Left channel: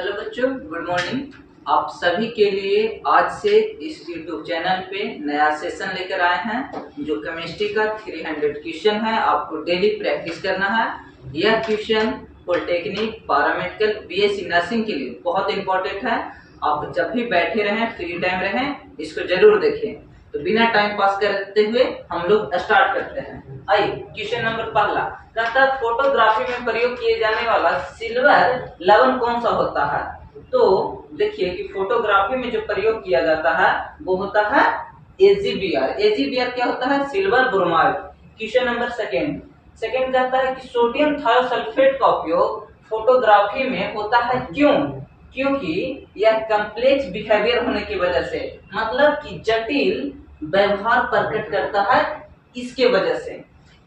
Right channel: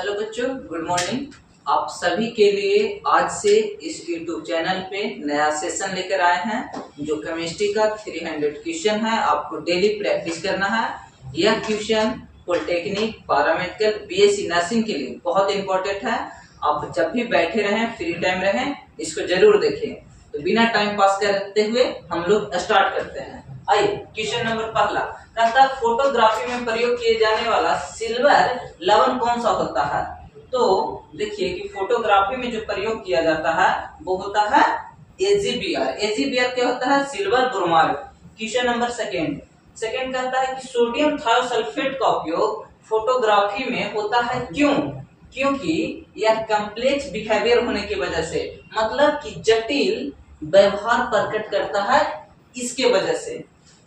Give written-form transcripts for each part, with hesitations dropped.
Hello बच्चों, good morning. आप सभी के लिए आज से इस YouTube चैनल पे नया सेशन लेकर आए हैं जो केमिस्ट्री का 300 क्वेश्चन है। आपको डेली प्रैक्टिस करना है। यह question polytechnic, paramedical, BSc nursing के लिए बहुत इंपॉर्टेंट है। आप जब भी बैठे रहें, फ्री टाइम रहें, इसको जरूर देखें। तो बिना टाइम पास करते हुए हम लोग स्टार्ट करते हैं। आइए, क्वेश्चन नंबर पहला कहता है फोटोग्राफी में प्रयोग किए जाने वाला सिल्वर लवण कौन सा होता है। तो देखिए कि फोटोग्राफी में जो प्रयोग किया जाता है वो होता है AgBr। AgBr क्या होता है? Silver bromide. Question number second कहता है कि सोडियम थायोसल्फेट का उपयोग फोटोग्राफी में होता है क्यों? क्योंकि यह कम्प्लेक्स बिहेवियर होने की वजह से, मतलब कि जटिल व्यवहार प्रकट करता है, इसके वजह से।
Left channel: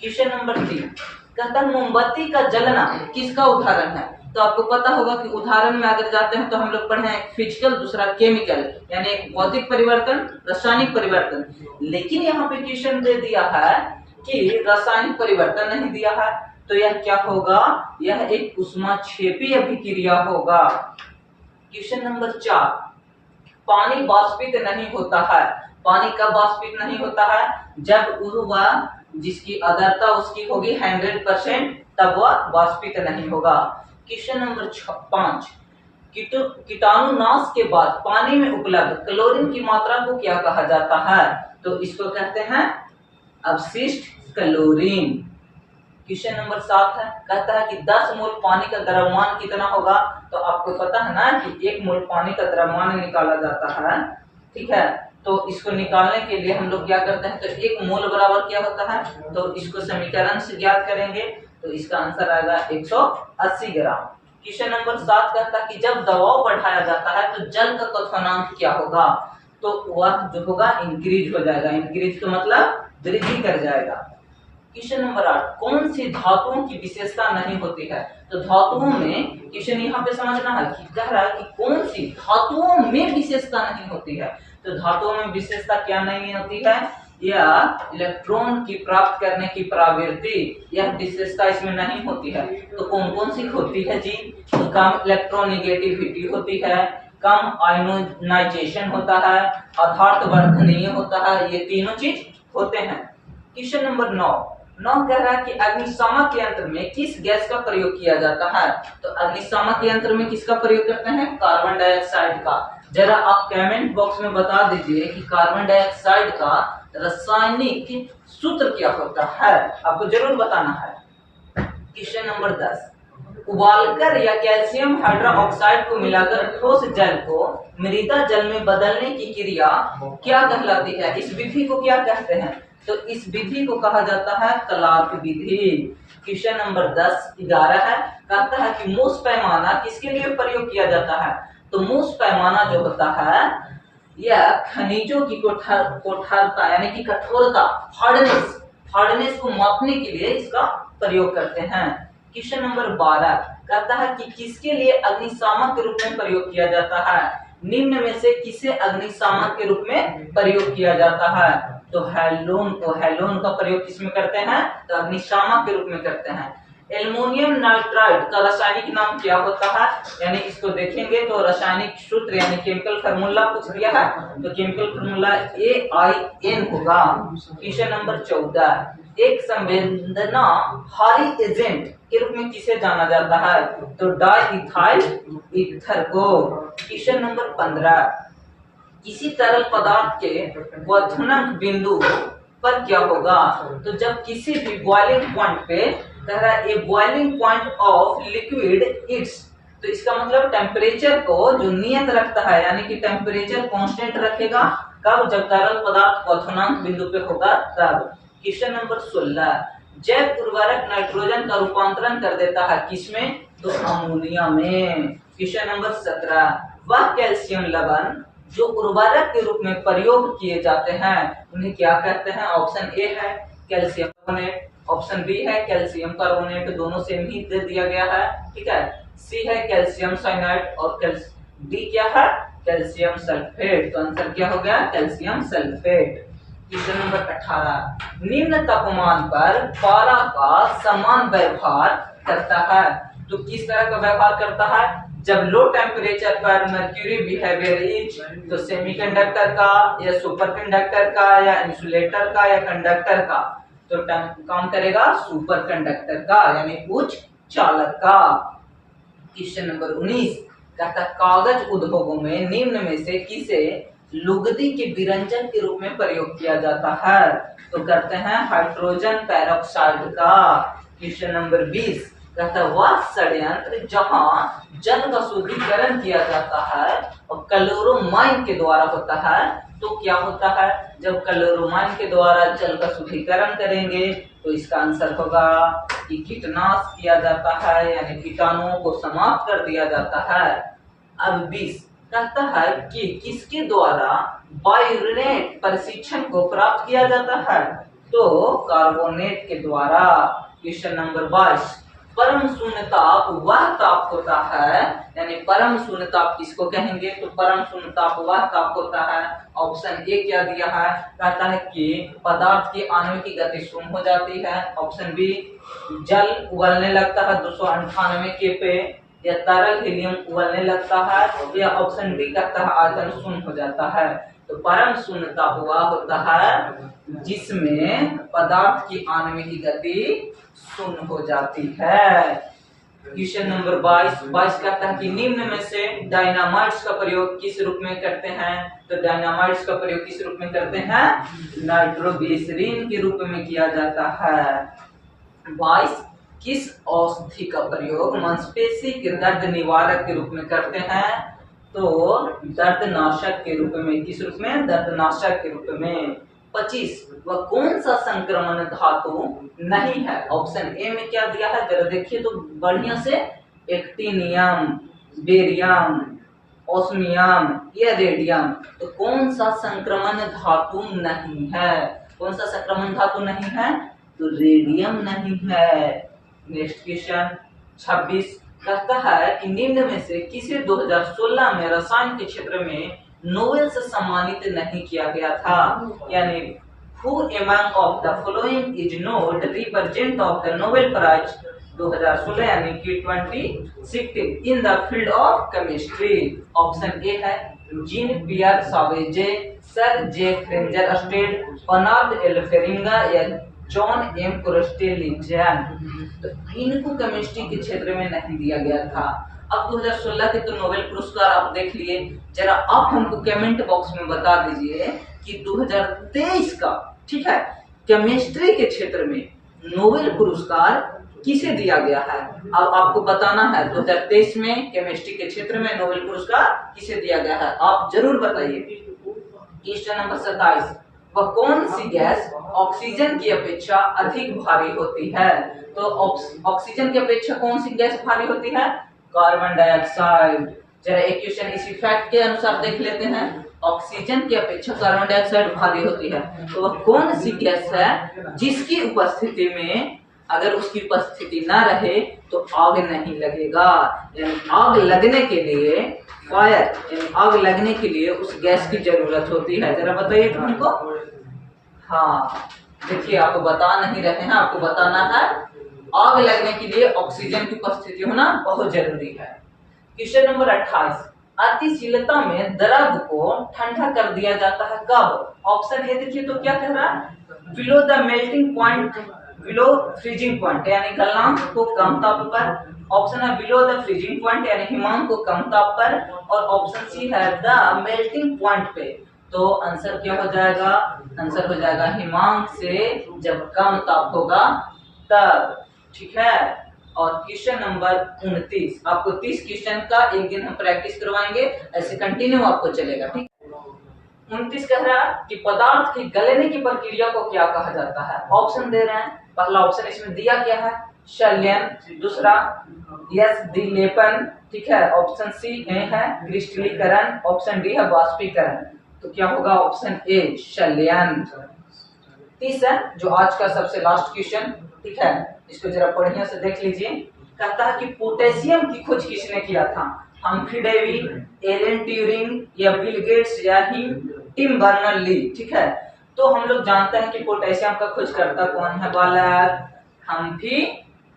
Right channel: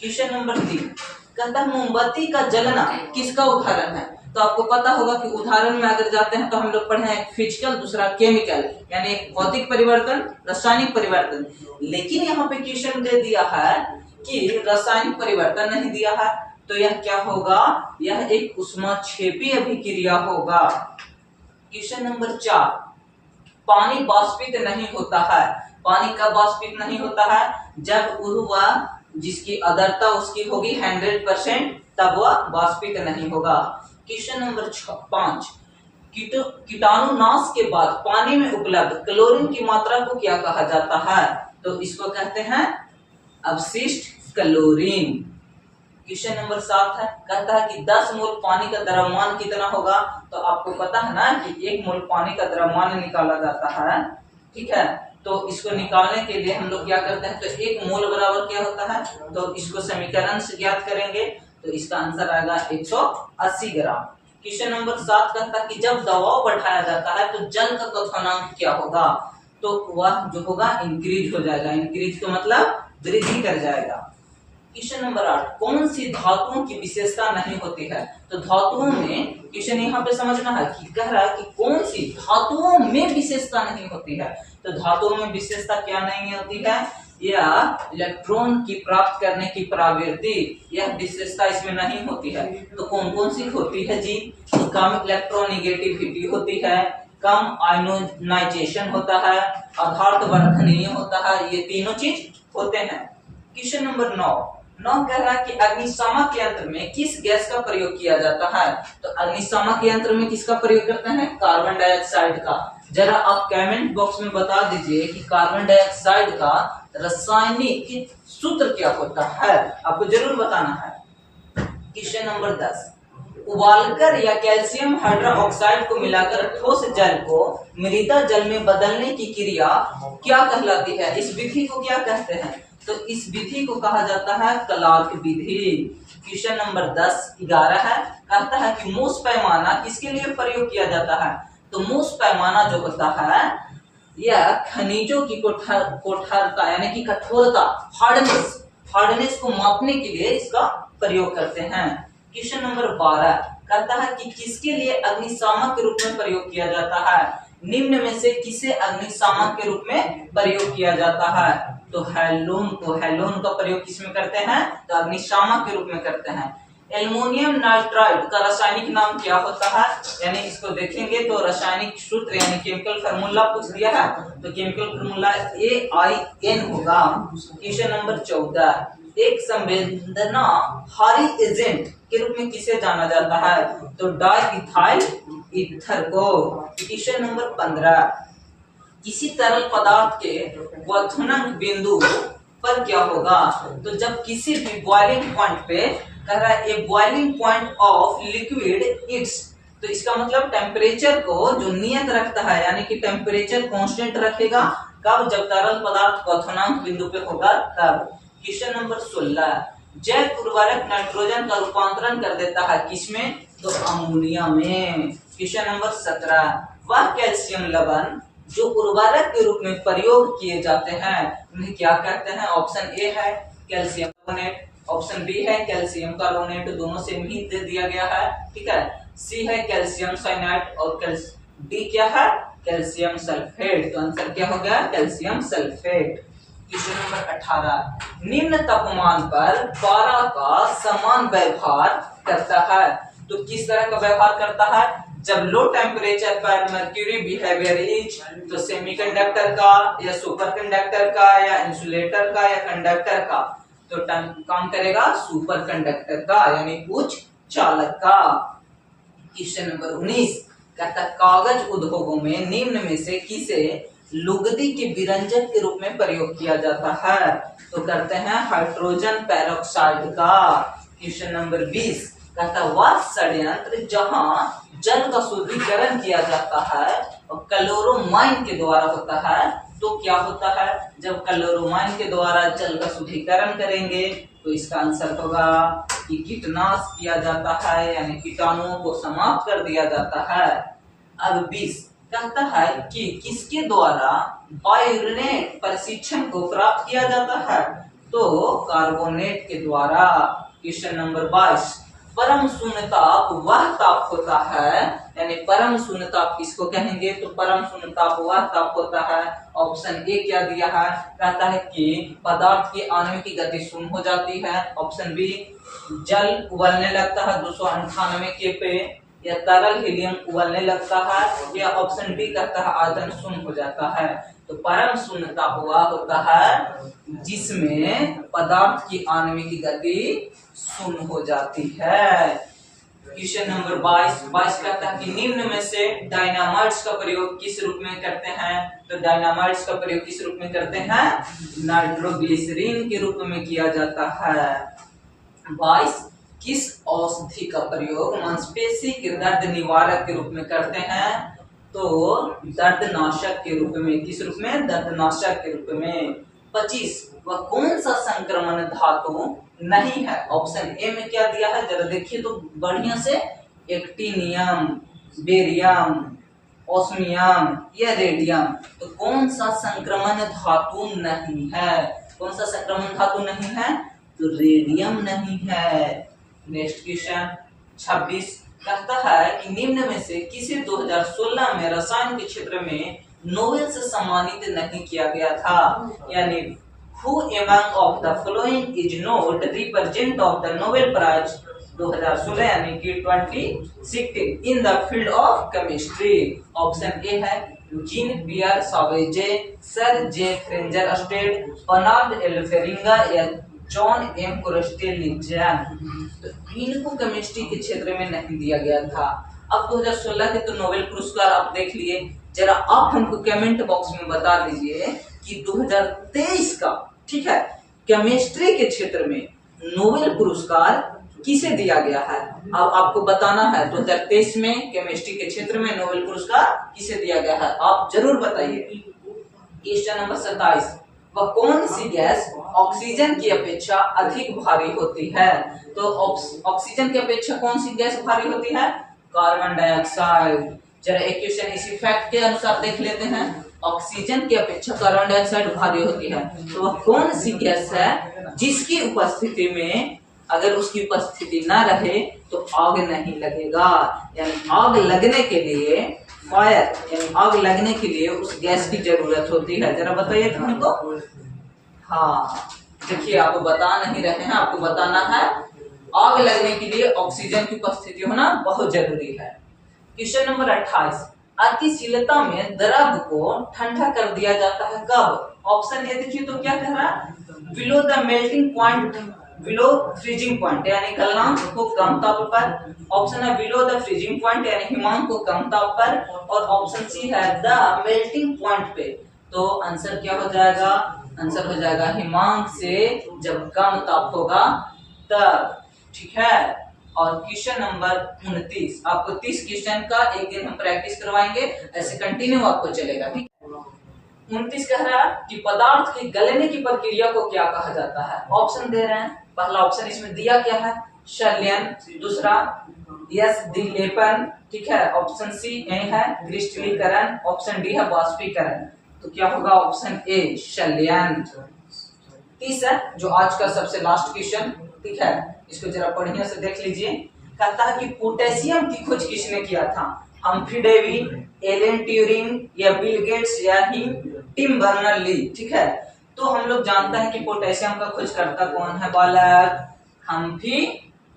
क्वेश्चन नंबर 3 कहता है मोमबत्ती का जलना किसका उदाहरण है। तो आपको पता होगा कि उदाहरण में अगर जाते हैं तो हम लोग पढ़े हैं फिजिकल, दूसरा केमिकल, यानी एक भौतिक परिवर्तन, रासायनिक परिवर्तन। लेकिन यहाँ पे क्वेश्चन दे दिया है कि रासायनिक परिवर्तन नहीं दिया है, तो यह क्या होगा? यह एक ऊष्माक्षेपीय अभिक्रिया होगा। क्वेश्चन नंबर 4 पानी वाष्पित नहीं होता है। पानी कब वाष्पित नहीं होता है? जब वह जिसकी आर्द्रता उसकी होगी 100%, तब वह वाष्पित नहीं होगा। क्वेश्चन नंबर 5 कीटाणुनाश के बाद पानी में उपलब्ध क्लोरीन की मात्रा को क्या कहा जाता है? तो इसको कहते हैं अवशिष्ट क्लोरीन। क्वेश्चन नंबर 7 है, कहता है कि 10 मोल पानी का द्रव्यमान कितना होगा। तो आपको पता है ना कि 1 मोल पानी का द्रव्यमान निकाला जाता है, ठीक है। तो इसको निकालने के लिए हम लोग क्या करते हैं, तो 1 मोल बराबर क्या होता है, तो इसको समीकरण से ज्ञात करेंगे, तो इसका आंसर आएगा 180 ग्राम। क्वेश्चन नंबर 7 कहता है कि जब दबाव बढ़ाया जाता है तो जल का क्वथनांक क्या होगा। तो वह जो होगा इंक्रीज हो जाएगा। इंक्रीज का मतलब वृद्धि कर जाएगा। क्वेश्चन नंबर 8 कौन सी धातुओं की विशेषता नहीं होती है। तो धातुओं में क्वेश्चन यहाँ पे समझना है कि कह रहा है कि कौन सी धातुओं में विशेषता नहीं होती है। तो धातुओं में विशेषता क्या नहीं होती है? यह इलेक्ट्रॉन की प्राप्त करने की प्रवृत्ति, यह विशेषता इसमें नहीं होती है। तो कौन कौन सी होती है जी? कम इलेक्ट्रोनिगेटिविटी होती है, कम आयोनाइजेशन होता है, आधार वर्धनीय होता है, ये तीनों चीज होते हैं। क्वेश्चन नंबर 9 कह रहा है कि अग्निशामक यंत्र में किस गैस का प्रयोग किया जाता है। तो अग्निशामक यंत्र में किसका प्रयोग करते हैं? कार्बन डाइऑक्साइड का। जरा आप कमेंट बॉक्स में बता दीजिए कि कार्बन डाइऑक्साइड का रासायनिक सूत्र क्या होता है, आपको जरूर बताना है। क्वेश्चन नंबर 10 उबालकर या कैल्शियम हाइड्रोक्साइड को मिलाकर ठोस जल को मृदा जल में बदलने की क्रिया क्या कहलाती है? इस विधि को क्या कहते हैं? तो इस विधि को कहा जाता है क्लार्क विधि। क्वेश्चन नंबर 11 है, कहता है कि मूस पैमाना किसके लिए प्रयोग किया जाता है। तो मूस पैमाना जो होता है यह खनिजों की कोठारता यानी कि कठोरता, हार्डनेस को मापने के लिए इसका प्रयोग करते हैं। क्वेश्चन नंबर 12 कहता है कि किसके लिए अग्निशामक के रूप में प्रयोग किया जाता है। निम्न में से किसे अग्निशामक के रूप में प्रयोग किया जाता है। तो हेलोन का प्रयोग किसमें करते हैं? तो अग्निशामक के रूप में करते हैं। एल्युमिनियम नाइट्राइड का रासायनिक नाम क्या होता है? यानी इसको देखेंगे तो रासायनिक सूत्र यानी केमिकल फार्मूला पूछ दिया है, तो केमिकल फार्मूला AIN होगा। क्वेश्चन नंबर 14 एक संवेदनहारी एजेंट के रूप में किसे जाना जाता है। तो डाइइथाइल ईथर को। क्वेश्चन नंबर 15 किसी तरल पदार्थ के क्वथनांक बिंदु पर क्या होगा। तो जब किसी भी बॉइलिंग पॉइंट पे कह रहा है a boiling point of liquid it's, तो इसका मतलब टेम्परेचर को जो नियत रखता है, यानी कि टेम्परेचर कांस्टेंट रखेगा। कब? जब तरल पदार्थ क्वथनांक बिंदु पे होगा तब। क्वेश्चन नंबर 16 जैव उर्वरक नाइट्रोजन का रूपांतरण कर देता है किसमें? तो अमोनिया में। क्वेश्चन नंबर 17 वह कैल्शियम लवण जो उर्वरक के रूप में प्रयोग किए जाते हैं उन्हें क्या कहते हैं। ऑप्शन ए है कैल्शियम कार्बोनेट, ऑप्शन बी है कैल्शियम कार्बोनेट, दोनों सेम ही दे दिया गया है, ठीक है। सी है कैल्शियम साइनाइड और डी क्या है? Calcium sulphate. तो आंसर क्या हो गया? Calcium sulphate. क्वेश्चन नंबर 18 निम्न तापमान पर पारा का समान व्यवहार करता है। तो किस तरह का व्यवहार करता है? जब लो टेम्परेचर पर मर्क्यूरी बिहेवियर इज, तो सेमीकंडक्टर का या सुपरकंडक्टर का या इंसुलेटर का या कंडक्टर का, तो काम करेगा सुपरकंडक्टर का यानी उच्च चालक का। क्वेश्चन नंबर 19 कहता है कागज उद्योगों में निम्न में से किसे लुगदी के विरंजन के रूप में प्रयोग किया जाता है, तो करते हैं हाइड्रोजन पेरोक्साइड का। क्वेश्चन नंबर 20 कहता है वह षड्यंत्र जहां जल का शुद्धिकरण किया जाता है और क्लोरोमाइन के द्वारा होता है, तो क्या होता है जब क्लोरोमाइन के द्वारा जल का शुद्धिकरण करेंगे तो इसका आंसर होगा कि कीटनाश किया जाता है यानी कीटाणुओं को समाप्त कर दिया जाता है। अब 20 कहता है कि किसके द्वारा बायोनेट प्रशिक्षण को प्राप्त किया जाता है, तो कार्बोनेट के द्वारा। क्वेश्चन नंबर 22 परम शून्य ताप वह ताप होता है, यानी परम शून्य ताप किसको कहेंगे, तो परम शून्य ताप वह ताप होता है। ऑप्शन ए क्या दिया है, कहता है कि पदार्थ की आणविक गति शून्य हो जाती है। ऑप्शन बी जल उबलने लगता है 298 के पे, या तरल हीलियम उबलने लगता है, या ऑप्शन बी कहता है आयतन शून्य हो जाता है। तो परम शून्य ताप वह होता है जिसमें पदार्थ की आणविक गति शून्य हो जाती है। क्वेश्चन नंबर 22 कहता है कि निम्न में से डायनामाइट्स का प्रयोग किस रूप में करते हैं, तो डायनामाइट्स का प्रयोग किस रूप में करते हैं, नाइट्रोग्लिसरीन के रूप में किया जाता है। 22 किस औषधि का प्रयोग मांसपेशी के दर्द निवारक के रूप में करते हैं, तो दर्दनाशक के रूप में, किस रूप में, दर्दनाशक के रूप में। 25 वह कौन सा संक्रमण धातु नहीं है, ऑप्शन ए में क्या दिया है जरा देखिए तो बढ़िया से, एक्टिनियम, बेरियम, ओस्मियम या रेडियम। तो कौन सा संक्रमण धातु नहीं है, कौन सा संक्रमण धातु नहीं है, तो रेडियम नहीं है। नेक्स्ट क्वेश्चन 26 कहता है कि निम्न में से किसे 2016 में रसायन के क्षेत्र में नोबेल से सम्मानित नहीं किया गया था, यानी who among of the following is not represent of the Nobel Prize 2016 यानी कि 2016 in the field of chemistry। Option A है जीन पियर सावेजे, सर जे फ्रेंजर स्टेड, बर्नार्ड एल फेरिंगा या जॉन एम कोरेस्टेलिजन। तो इनको केमिस्ट्री के क्षेत्र में नहीं दिया गया था। अब 2016 के तो नोबेल पुरस्कार आप देख लिए, जरा आप हमको कमेंट बॉक्स में बता दीजिए कि 2023 का, ठीक है, केमिस्ट्री के क्षेत्र में नोबेल पुरस्कार किसे दिया गया है। अब आपको बताना है 2023 में केमिस्ट्री के क्षेत्र में नोबेल पुरस्कार किसे दिया गया है, आप जरूर बताइए। क्वेश्चन नंबर 27 वह कौन सी गैस ऑक्सीजन की अपेक्षा अधिक भारी होती है, तो ऑक्सीजन की अपेक्षा कौन सी गैस भारी होती है, कार्बन डाइऑक्साइड। जरा एक क्वेश्चन इसी फैक्ट के अनुसार देख लेते हैं, ऑक्सीजन की अपेक्षा कार्बन डाइऑक्साइड भारी होती है, तो वह कौन सी गैस है जिसकी उपस्थिति में, अगर उसकी उपस्थिति ना रहे तो आग नहीं लगेगा, यानी आग लगने के लिए फायर, यानी आग लगने के लिए उस गैस की जरूरत होती है। जरा बताइए तो हमको। हाँ देखिए, आपको बता नहीं रहे हैं, आपको बताना है आग लगने के लिए ऑक्सीजन की उपस्थिति होना बहुत जरूरी है। क्वेश्चन नंबर 28 अतिशीलता में द्रव को ठंडा कर दिया जाता है कब, ऑप्शन ए देखिए तो क्या कह रहा है, below the melting point, below freezing point यानी गलनांक को कम ताप पर, ऑप्शन है बिलो द फ्रीजिंग पॉइंट यानी हिमांक को कम ताप पर, और ऑप्शन सी है द मेल्टिंग पॉइंट पे। तो आंसर क्या हो जाएगा, आंसर हो जाएगा हिमांक से जब कम ताप होगा तब, ठीक है। और क्वेश्चन नंबर 29 आपको 30 क्वेश्चन का एक दिन हम प्रैक्टिस करवाएंगे, ऐसे कंटिन्यू आपको चलेगा, ठीक। 29 कह रहा है कि पदार्थ की गलने की प्रक्रिया को क्या कहा जाता है, ऑप्शन दे रहे हैं। पहला ऑप्शन इसमें दिया क्या है, शल्यन, दूसरा यस दिलेपन, ठीक है, ऑप्शन सी ए है क्रिस्टलीकरण, ऑप्शन डी है वाष्पीकरण। तो क्या होगा, ऑप्शन ए शल्यन। 30 है जो आज का सबसे लास्ट क्वेश्चन, ठीक है, इसको जरा बढ़िया से देख लीजिए। कहता है कि पोटेशियम की खोज किसने किया था, हम्फ्री डेवी, एलन ट्यूरिंग या बिल गेट्स या टिम बर्नर ली, ठीक है। तो हम लोग जानते हैं कि पोटेशियम का खोजकर्ता कौन है बालक, हम्फ्री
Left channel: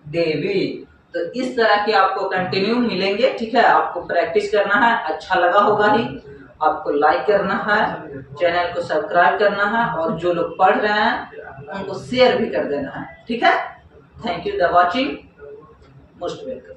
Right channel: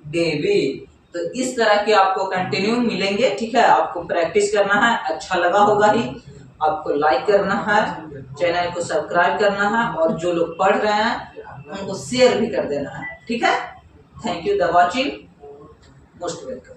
डेवी। तो इस तरह के आपको कंटिन्यू मिलेंगे, ठीक है। आपको प्रैक्टिस करना है, अच्छा लगा होगा ही, आपको लाइक करना है, चैनल को सब्सक्राइब करना है, और जो लोग पढ़ रहे हैं उनको शेयर भी कर देना है, ठीक है। Thank you the watching, most welcome.